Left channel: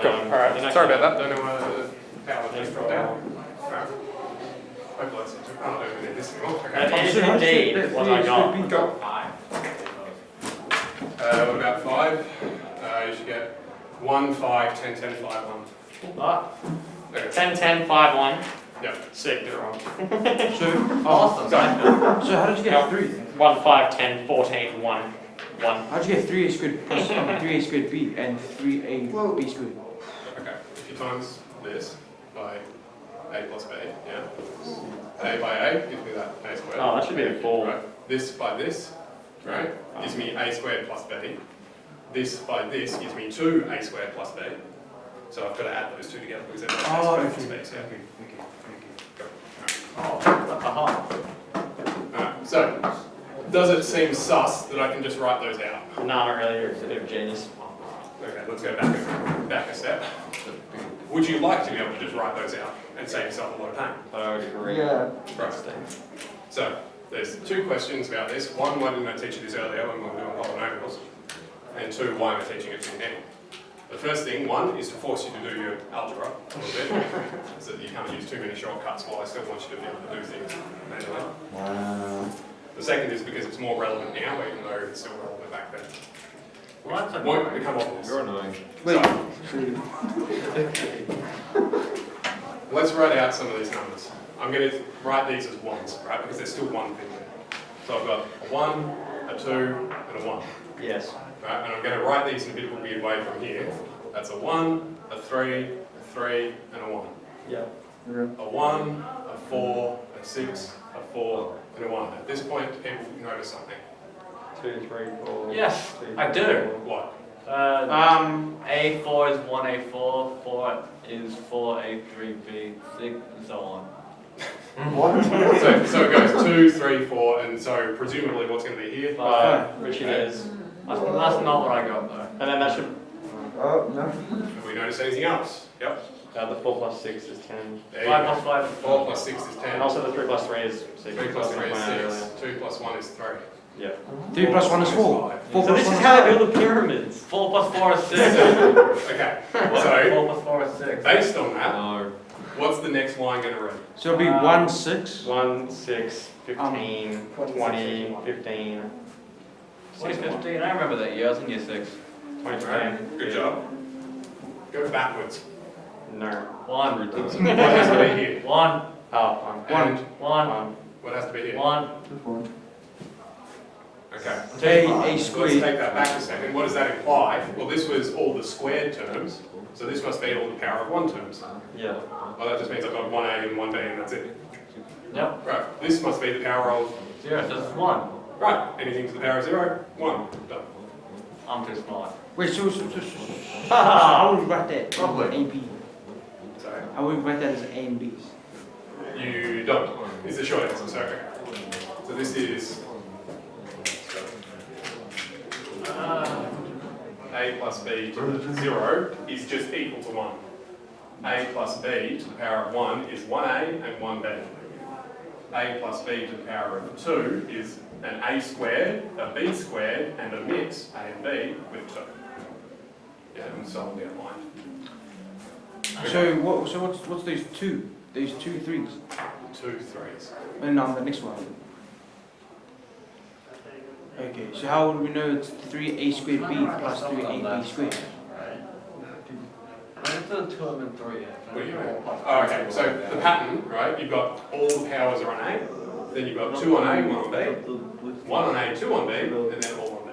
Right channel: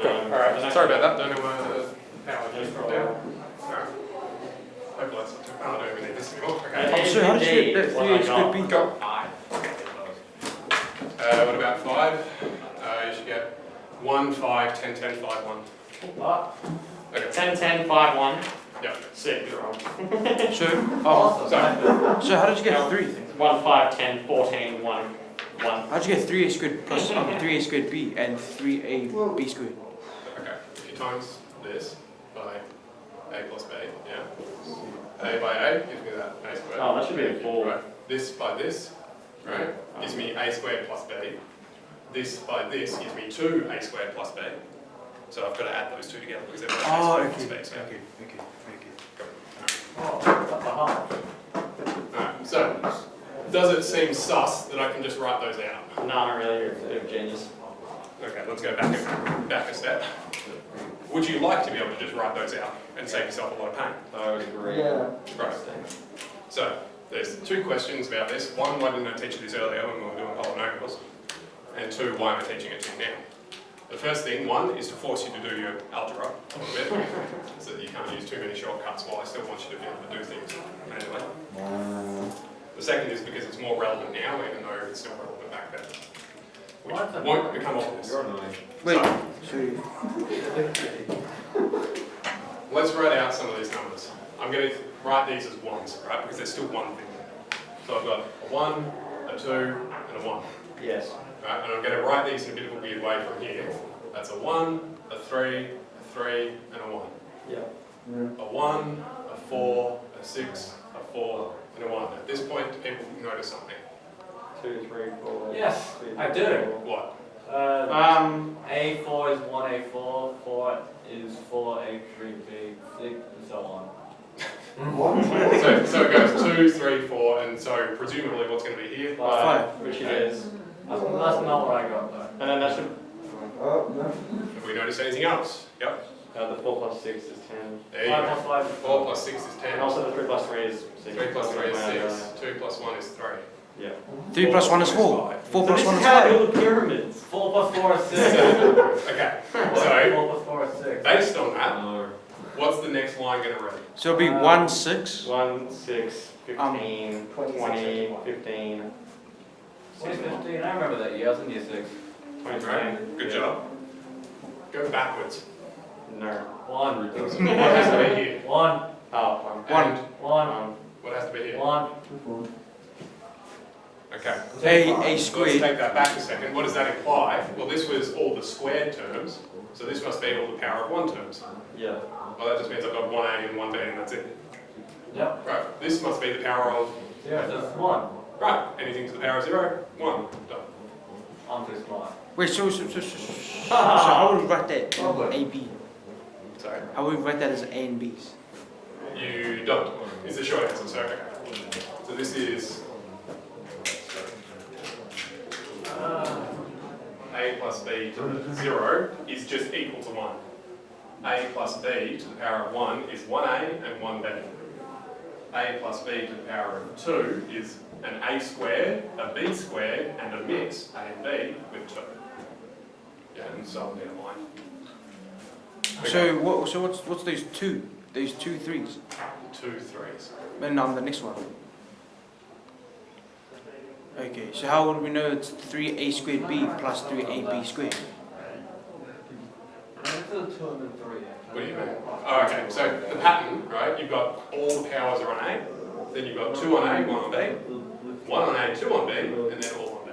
Cool. Alright, sorry about that. Don't know why the power just dropped out. Alright. Hopefully that's not too bad. I don't even need this anymore. Okay. What I got. Go. 5. What about 5? You should get 1, 5, 10, 10, 5, 1. Okay. 10, 10, 5, 1. Yep. 6. Wrong. Awesome. So how did you get 3? 1, 5, 10, 14, 1. 1. How'd you get 3a squared plus 3a squared b and 3ab squared? okay. If you times this by a plus b, yeah. A by a gives me that a squared. Oh, that should be a 4. Right. This by this, right, gives me a squared plus b. This by this gives me 2a squared plus b. So I've got to add those two together because they're both a squared plus b. Yeah. Oh, that's a half. Alright, so does it seem sus that I can just write those out? No, not really. You're a genius. Okay, let's go back a step. Would you like to be able to just write those out and save yourself a lot of pain? I would agree. Yeah. Right. So there's 2 questions about this. 1, why didn't I teach you this earlier when we were doing polynomials? And 2, why am I teaching it to you now? The first thing, 1, is to force you to do your algebra a little bit, so that you can't use too many shortcuts while I still want you to be able to do things manually. The second is because it's more relevant now, even though it's still relevant back then. Which won't become obvious. You're annoying. So, let's write out some of these numbers. I'm going to write these as 1s, right, because there's still one thing there. So I've got a 1, a 2, and a 1. Yes. Right, and I'm going to write these in a bit of a weird way from here. That's a 1, a 3, a 3, and a 1. Yeah. A 1, a 4, a 6, a 4, and a 1. At this point, do people notice something? 2, 3, 4. Yes, I do. What? A4 is 1A4, 4 is 4, A3B, 6, and so on. So it goes 2, 3, 4, and so presumably what's going to be here? 5, which is. That's not what I got though. And then that should. Oh, no. Have we noticed anything else? Yep. The 4 plus 6 is 10. There you 5 go. plus 5 is 4 plus 6 is 10. And also the 3 plus 3 is 6. 3 plus 3 is 6. 2 plus 1 is 3. Yeah. 3 plus 1 is 4. 4 plus 1 is 5. build pyramids. 4 plus 4 is 6. Okay, 4 so plus 4 is 6. based on that, No. what's the next line going to read? So it'll be 1, 6. 1, 6, 15, 20, 15. 615, I remember that year, I was in year 6. 20. Right, good job. Go backwards. No. 1. So what has to be here? 1. Oh, And 1. what has to be here? 1. Okay. A So let's squared. take that back a second. What does that imply? Well, this was all the squared terms, so this must be all the power of 1 terms. yeah. Well, that just means I've got 1a and 1b and that's it. Yep. Right, this must be the power of, 0, so it's 1. right, anything to the power of 0, 1, done. I'm too smart. Wait, so I would write that A and B. Sorry, I would write that as A and B. you don't, is the short answer, so okay. So this is a plus b to the 0 is just equal to 1. A plus b to the power of 1 is 1a and 1b. A plus b to the power of 2 is an a squared, a b squared, and a mix, a and b, with 2. Yeah, and so on down the line. So what's those 2? Those 2 3s? 2 3s. And now the next one. Okay, so how would we know it's 3a squared b plus 3ab squared? I think there's 2 and 3 here. What do you mean? Oh, okay, so the pattern, right, you've got all the powers are on A, then you've got 2 on A, 1 on B, 1 on A, 2 on B, and then all on B.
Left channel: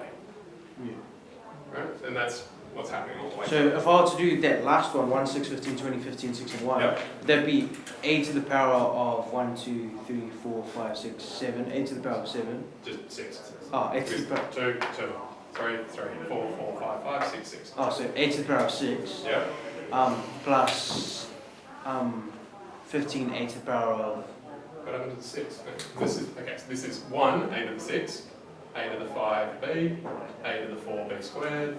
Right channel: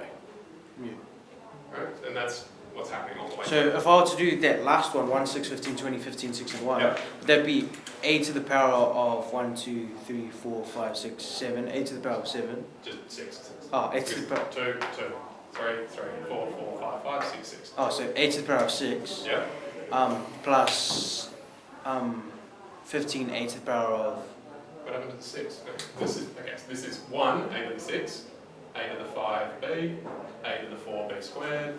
Right, and that's what's happening all the way So through. if I were to do that last one, 1, 6, 15, 20, 15, 6, and 1, Yep. that'd be a to the power of 1, 2, 3, 4, 5, 6, 7, a to the power of 7. Just 6. Oh, a to the power. 2, 2, 3, 3, 4, 4, 5, 5, 6, 6. Oh, so a to the power of 6. Yep. Plus 15 a to the power of. What happened to the 6? No, this is, okay, so this is 1, a to the 6, a to the 5b, a to the 4b squared,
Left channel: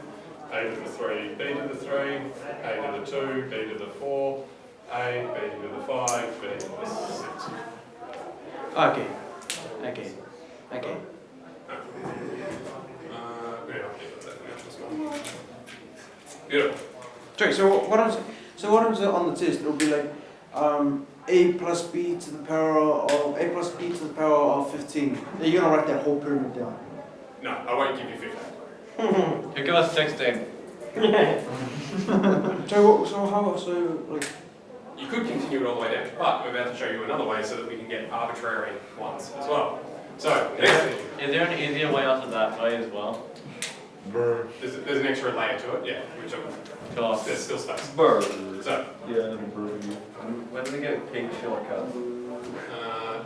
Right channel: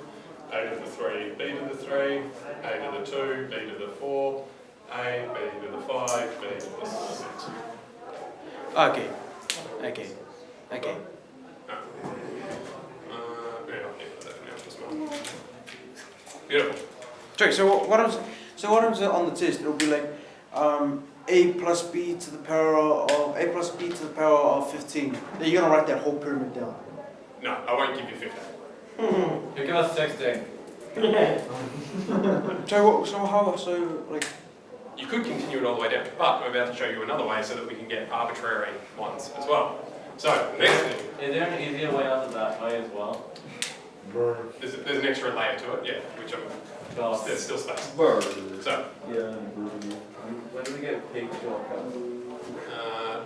a to the 3, b to the 3, a to the 2, b to the 4, a, b to the 5, b to the 6. Okay. Yeah, I'll think of that now as well. Beautiful. Sorry, so what happens on the test? It'll be like a plus b to the power of 15. Then you're gonna write that whole pyramid down. No, I won't give you 15. You give us 16. You could continue it all the way down, but we're about to show you another way so that we can get arbitrary ones as well. So, next thing, Is there an easier way out of that way as well? there's an extra layer to it, yeah, which there's still space. So, When do we get peak shortcuts?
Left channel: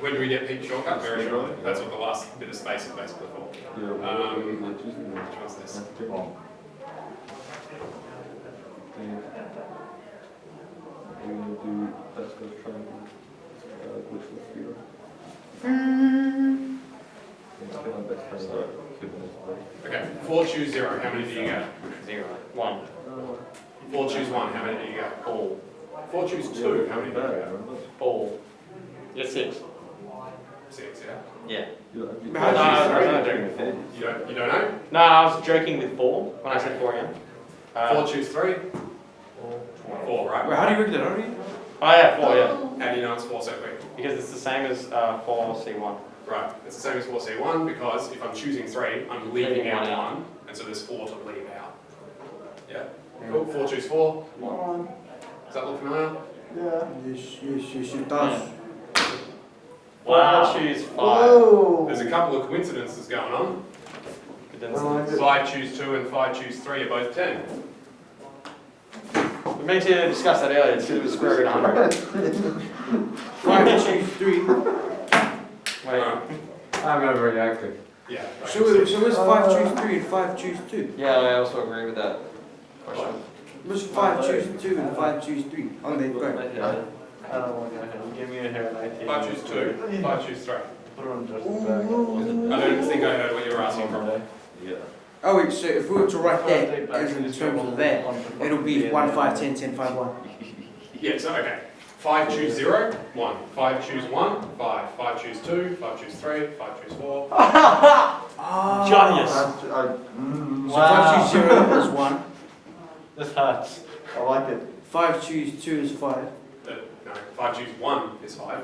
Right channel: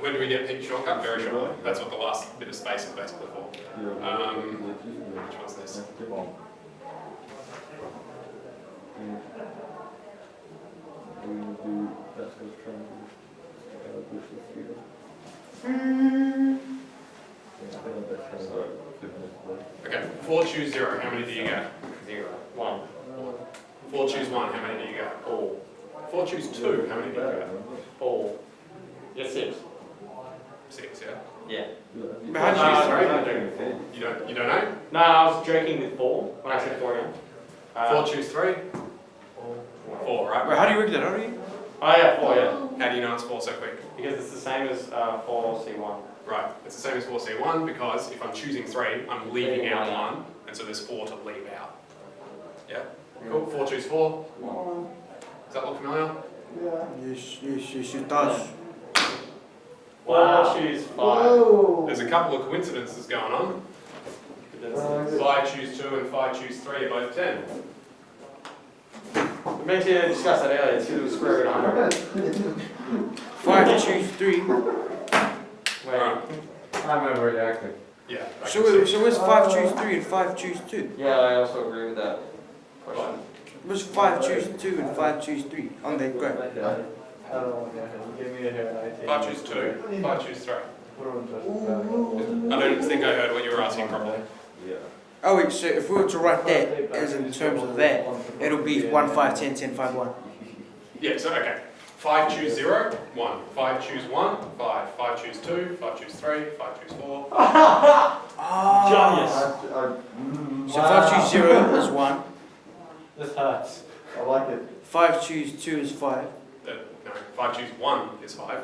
when do we get peak shortcut? Very shortly. That's what the last bit of space is basically for. Which one's this? We do Pascal's triangle, which was 0. Okay, 4 choose 0, how many do you get? 0. 1. 4 choose 1, how many do you get? 4. 4 choose 2, how many do you get? 4. Yes, 6. 6, yeah? Yeah. You don't know? No, I was joking with 4 when I said 4 again. 4 choose 3? 4, right? Wait, how do you work that? How do you? Oh yeah, 4, yeah. How do you know it's 4 so quick? Because it's the same as 4C1. Right, it's the same as 4C1 because if I'm choosing 3, I'm leaving out 1, and so there's 4 to leave out. Yeah? Cool, 4 choose 4. Does that look familiar? Yes, it does. Wow. 4 choose 5. There's a couple of coincidences going on. 5 choose 2 and 5 choose 3 are both 10. We meant to discuss that earlier, it's to the square root of 100. 5 choose 3. Alright, I remember reacting. yeah. I So can see. where's 5 choose 3 and 5 choose 2? Yeah, I also agree with that. Where's 5 choose 2 and 5 choose 3? Oh, they go. I don't want to go ahead. Give me a hair and 19. 5 choose 2, 5 choose 3. Put on just I don't think I heard what you were asking properly. Yeah. Oh wait, so if we were to write that as in terms of that, it'll be 1, 5, 10, 10, 5, 1. Yeah, so okay. 5 choose 0, 1. 5 choose 1, 5. 5 choose 2, 5 choose 3, 5 choose 4. Ah. Genius. So 5 choose 0 is 1. This hurts. I like it. 5 choose 2 is 5. No, 5 choose 1 is 5.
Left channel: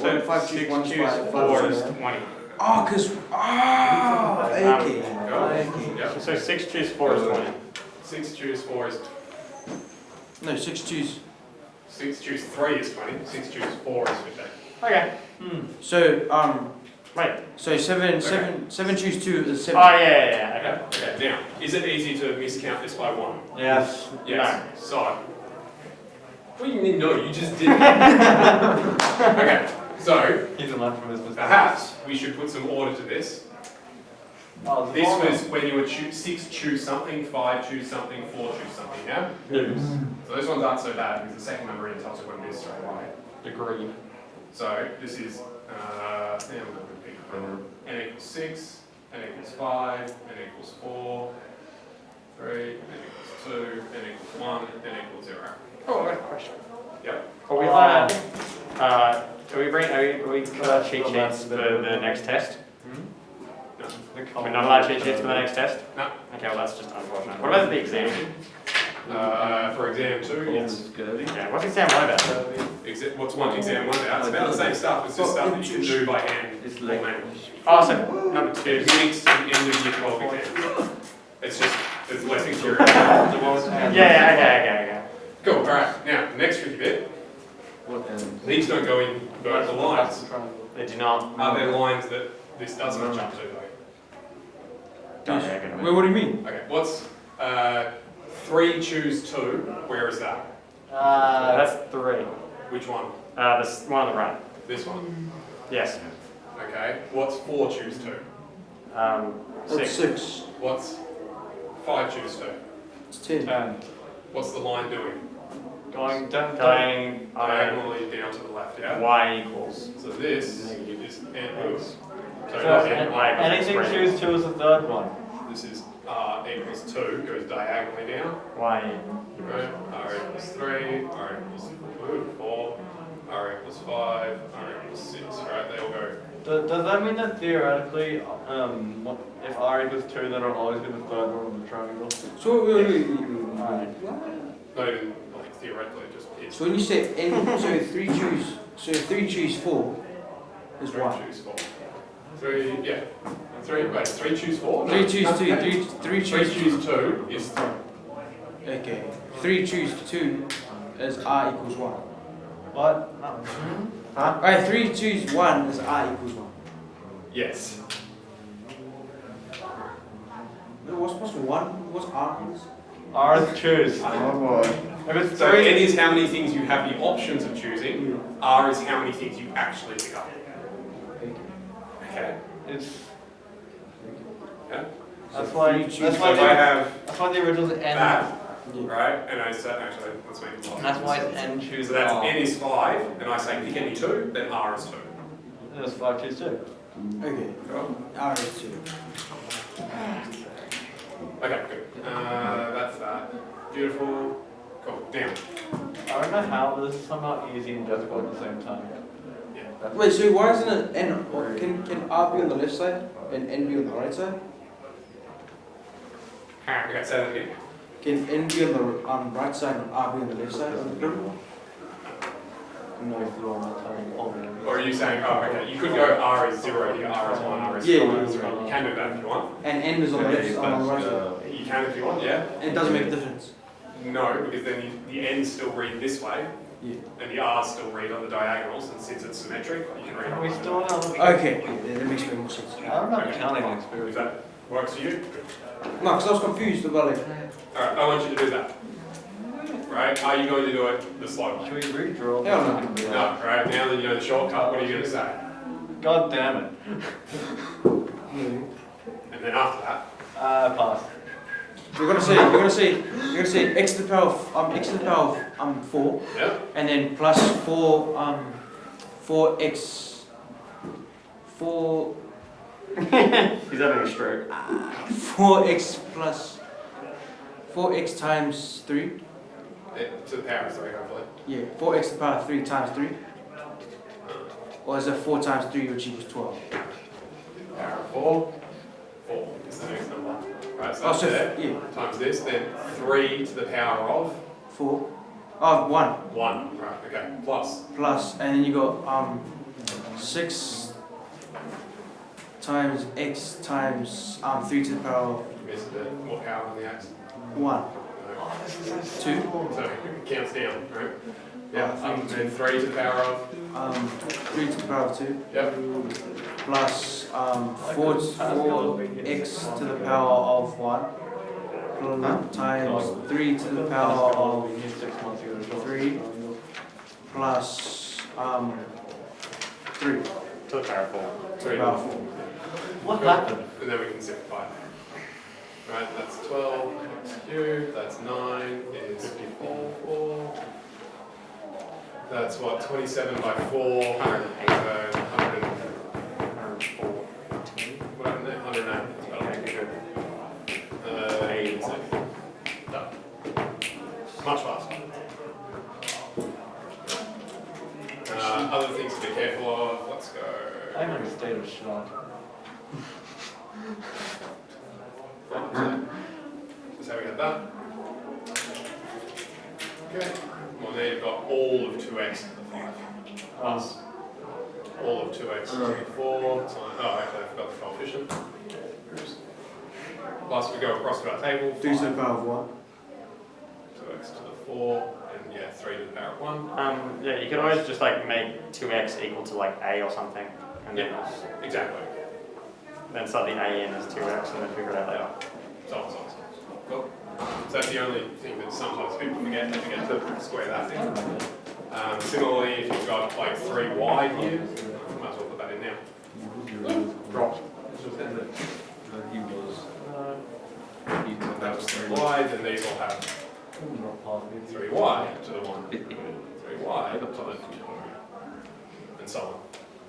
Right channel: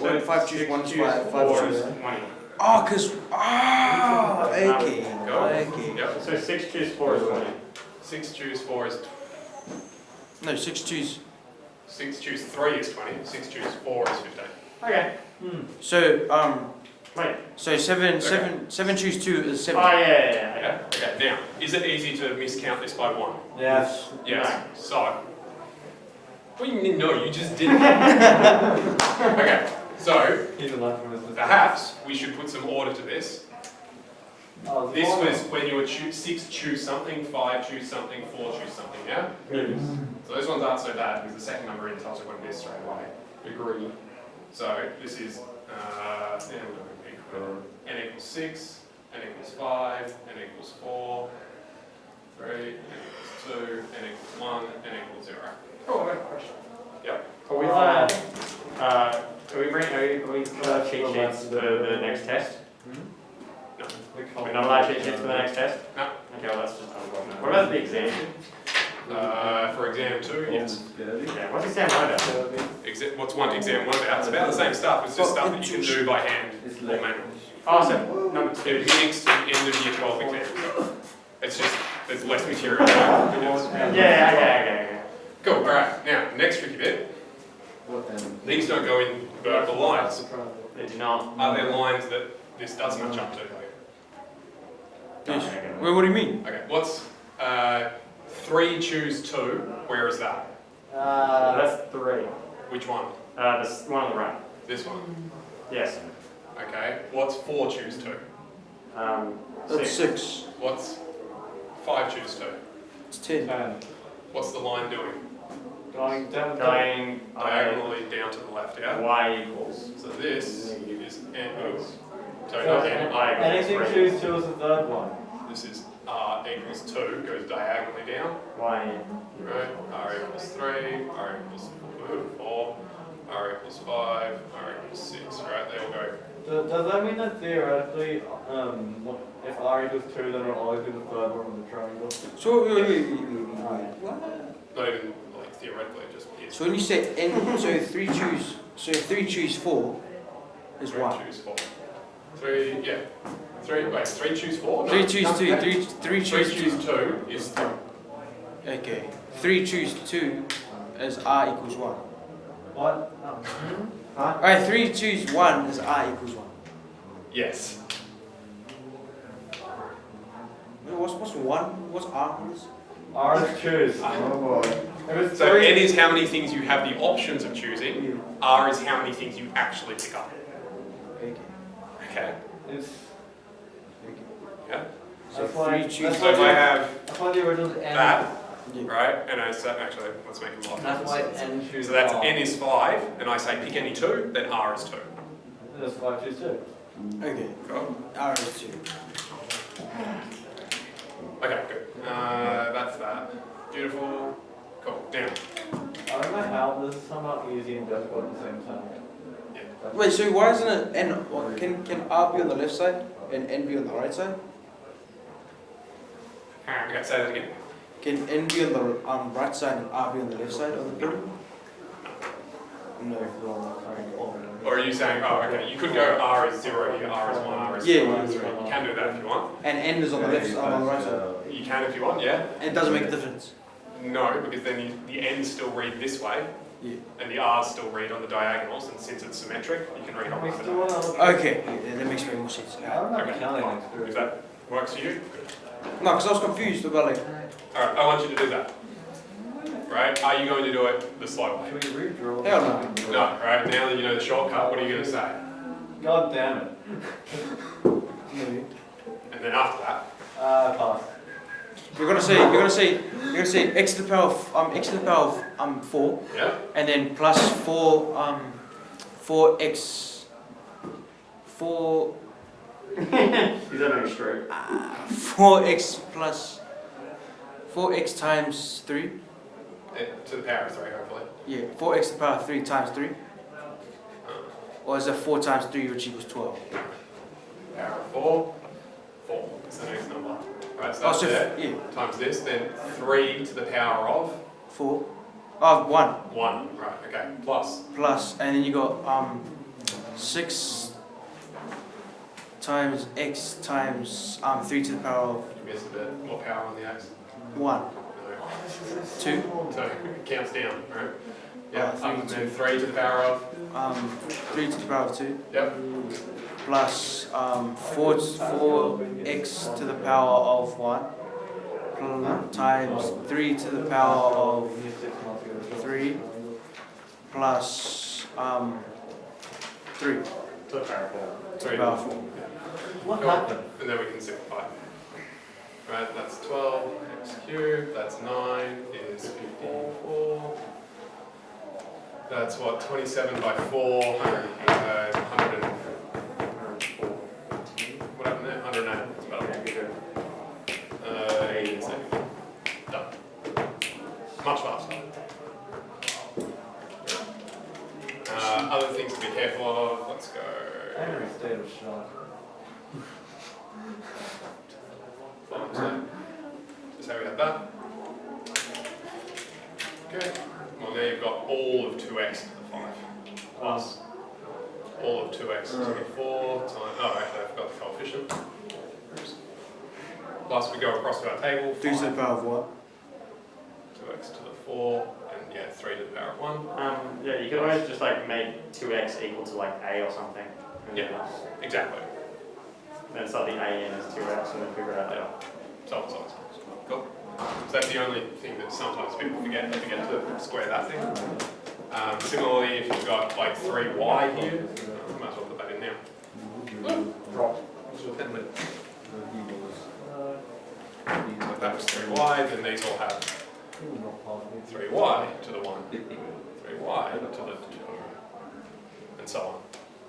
So 5 choose 1 is 5. 4 5 is choose 20. Oh, because. Ah! Okay. Go. Okay. Yep. So 6 choose 4 is 20. 6 choose 4 is... No, 6 choose. 6 choose 3 is 20. 6 choose 4 is 15. Okay. So, Wait. so 7 choose 2 is 7. Oh yeah. Yeah? Okay, now, is it easy to miscount this by 1? Yes. Yes. So... Well, no, you just didn't. Okay, so... He's allowed from his Perhaps we should put some order to this. This was when you were 6 choose something, 5 choose something, 4 choose something, yeah? So those ones aren't so bad because the second number in tells you what it is straight away. Agreed. So this is, n equals 6, n equals 5, n equals 4, 3, n equals 2, n equals 1, n equals 0. Oh, I got a question. Yep. Are we put our cheat sheets for the next test? No. We're not allowed cheat sheets for the next test? No. Okay, well, that's just unfortunate. What about the exam? For exam 2, yes. Yeah, what's exam 1 about? What's exam 1 about? It's about the same stuff. It's just stuff that you can do by hand or manually. Oh, so, It mimics the end of year 12 exam. It's just, there's less material. yeah. Cool, alright. Now, next tricky bit. These don't go in vertical lines. They do not. Are there lines that this does match up to? Wait, what do you mean? Okay, what's 3 choose 2? Where is that? That's 3. Which one? This one on the right. This one. Yes. Okay, what's 4 choose 2? That's 6. What's 5 choose 2? It's 10. What's the line doing? Going down. Diagonally down to the left, yeah? Y equals. So this is n, sorry, not n, r. Anything choose 2 is the third one. This is r equals 2, goes diagonally down. Y. Right, r R equals 3, R equals 4, R equals 5, R equals 6, right? They all go. Does that mean that theoretically, if R equals 2, then it'll always be the third one on the triangle? So, Alright. Not even like theoretically, it just is. so when you say n, so 3 choose 4 is 3 1. choose 4. 3, yeah. 3 choose 4? No. 3 choose 2, 3 3 choose choose 2 is 3. Okay. 3 choose 2 is R equals 1. What? Huh? Alright, 3 choose 1 is R equals 1. Yes. Wait, what's 1? What's R equals? R is choose. Oh boy. If it's So 3, N is how many things you have the options of choosing. R is how many things you actually pick up. Okay. it's, Yeah. that's why, you choose- that's So why, if I have that's why the original N, that, right, and I say, actually, let's make it more. that's why N chooses So that's R. N is 5, and I say pick any 2, then R is 2. That's 5 choose 2. Okay. Cool. R is 2. Okay, good. That's that. Beautiful. Cool. Now, I don't know how this is somehow easy and difficult at the same time. yeah. Wait, so why isn't it N? Or can R be on the left side and N be on the right side? Okay, say that again. Can N be on the right side and R be on the left side of the table? No. Or are you saying, oh, okay, you could go R is 0 here, R is 1, R is 2, Yeah, R is yeah, 3. You can do that if you want. And N is on the left, on the right side. You can if you want, yeah. And it doesn't make a difference. No, because then the N's still read this way, Yeah. and the R's still read on the diagonals, and since it's symmetric, you can read Can on we both. still have a Okay, yeah, that makes more sense. I don't have Okay, counting fine. If experience. that works for you, good. No, because I was confused about like. Alright, I want you to do that. Right? Are you going to do it the slow way? Should we redraw Hell this? No, right? Now that you know the shortcut, what are you going to say? God damn it. No. And then after that, Pass. We're gonna say x to the power of 4, yeah? and then plus 4x 4 He's having a stroke. 4x plus 4x times 3. To the power of 3, hopefully. Yeah, 4x to the power of 3 times 3. Or is it 4 times 3 which equals 12? Power of 4. 4 is the next number. Right, so Oh, that's so there. yeah, Times this, then 3 to the power of 4. Oh, 1 1. Right, okay. Plus. plus, and then you got 6 times x times 3 to the power of You missed a bit. What power on the x? 1. No. 2. So it counts down, right? Yeah, Oh, up and then 3 to the power of. 3 to the power of 2. Yep. Plus 4x to the power of 1 times 3 to the power of 3 plus 3 to To the power of 4. Three the to power the of 4. What happened? And then we can simplify. Right, that's 12 x cubed, that's 9 is 54. That's what, 27 by 4, 100, 104. What happened there? 108. That's about it. 86. Done. Much faster. Other things to be careful of, let's go. I'm in a state of shock. Just how we had that. Okay. Well, now you've got all of 2x to the 5. Plus all of 2x to the 4 times. Oh, actually, I forgot the coefficient. Oops. Plus, we go across to our table. 3 to the 5, power of what? 2x to the 4, and yeah, 3 to the power of 1. Yeah, you can always just like make 2x equal to like a or something. And Yeah. Exactly. then start the a in as 2x and then figure it out later. So. Cool. So that's the only thing that sometimes people forget. They forget to square that thing. Similarly, if you've got like 3y here, might as well put that in now. Drop. That was 3y, then these all have 3y to the 1, 3y to the 2, and so on.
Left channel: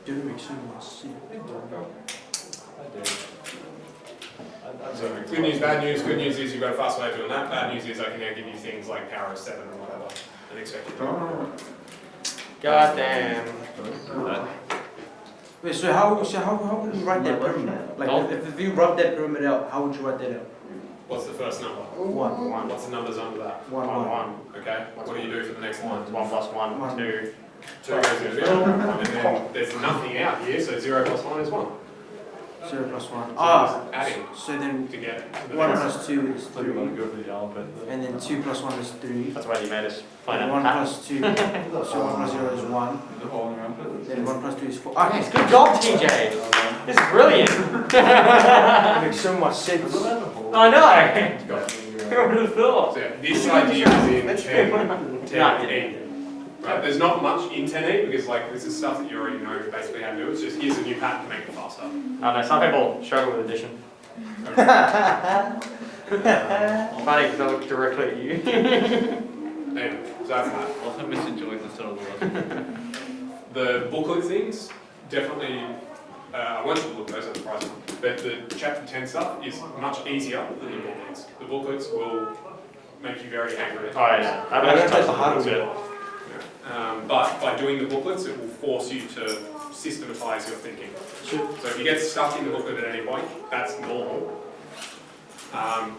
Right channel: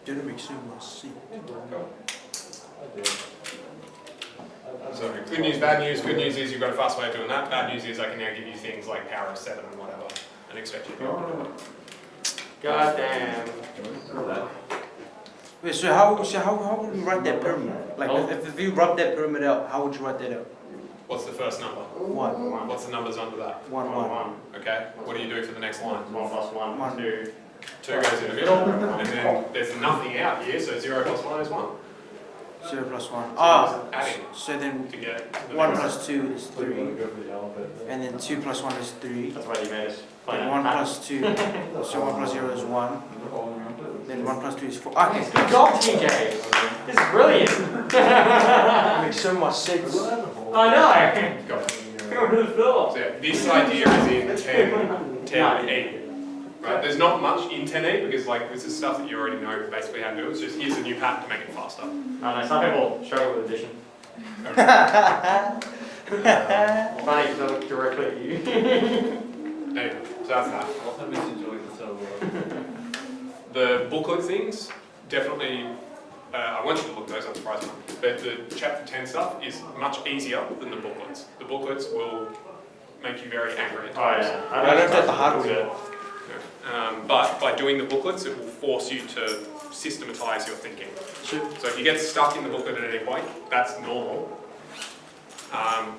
Did it make sense? Cool. I do. I So good news, bad news. Good news is you've got a fast way of doing that. Bad news is I can now give you things like power of 7 and whatever, and expect you to do it. God damn. Wait, so how would you write that pyramid? Like, if you rub that pyramid out, how would you write that out? What's the first number? 1. What's the numbers under that? 1. Okay. What do you do for the next line? 1 plus 1, One. 2. 2 goes in the middle, and then there's nothing out here, so 0 plus 1 is 1. 0 plus 1. So Ah, you're just adding so then to get to the 1 next. plus 2 is So you want 3. to go for the alphabet. And then 2 plus 1 is 3. That's why you made us find And out 1 patterns. plus 2, so 1 plus 0 is 1. The following alphabet. Then 1 plus 3 is 4. Ah, Good job, TJ. This is brilliant. that makes so much sense. I know. Got it. Who would have thought? So yeah, this idea is in 10E. Right, there's not much in 10E because like this is stuff that you already know basically how to do. It's just here's a new pattern to make it faster. I don't know, some people struggle with addition. Funny because I look directly at you. Anyway, so that's that. Also misenjoyed the sort of The booklet things, definitely, I want you to look at those, I'm surprised. But the chapter 10 stuff is much easier than the booklets. The booklets will make you very angry at Oh times. yeah. I don't take the hard way. But by doing the booklets, it will force you to systematise your thinking. So if you get stuck in the booklet at any point, that's normal.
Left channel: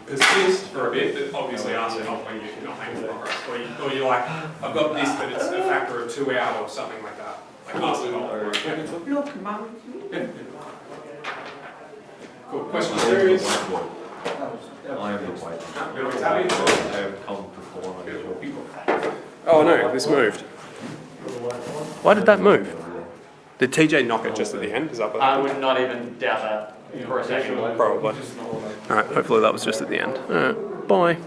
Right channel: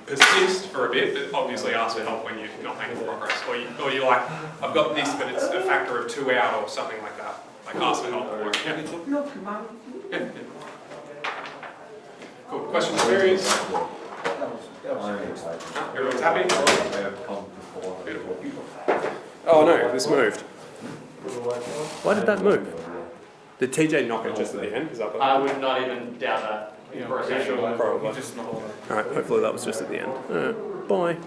Persist for a bit, but obviously ask for help when you're not making progress. Or you're like, I've got this, but it's a factor of 2 out or something like that. Like ask for help. Or, yeah. Cool. Questions, queries? I am the white. Everyone's happy? I have come before. Oh no, this moved. Why did that move? Did TJ knock it just at the end? Is that what I happened? would not even doubt that for a second. Probably. Alright, hopefully that was just at the end. Alright, bye.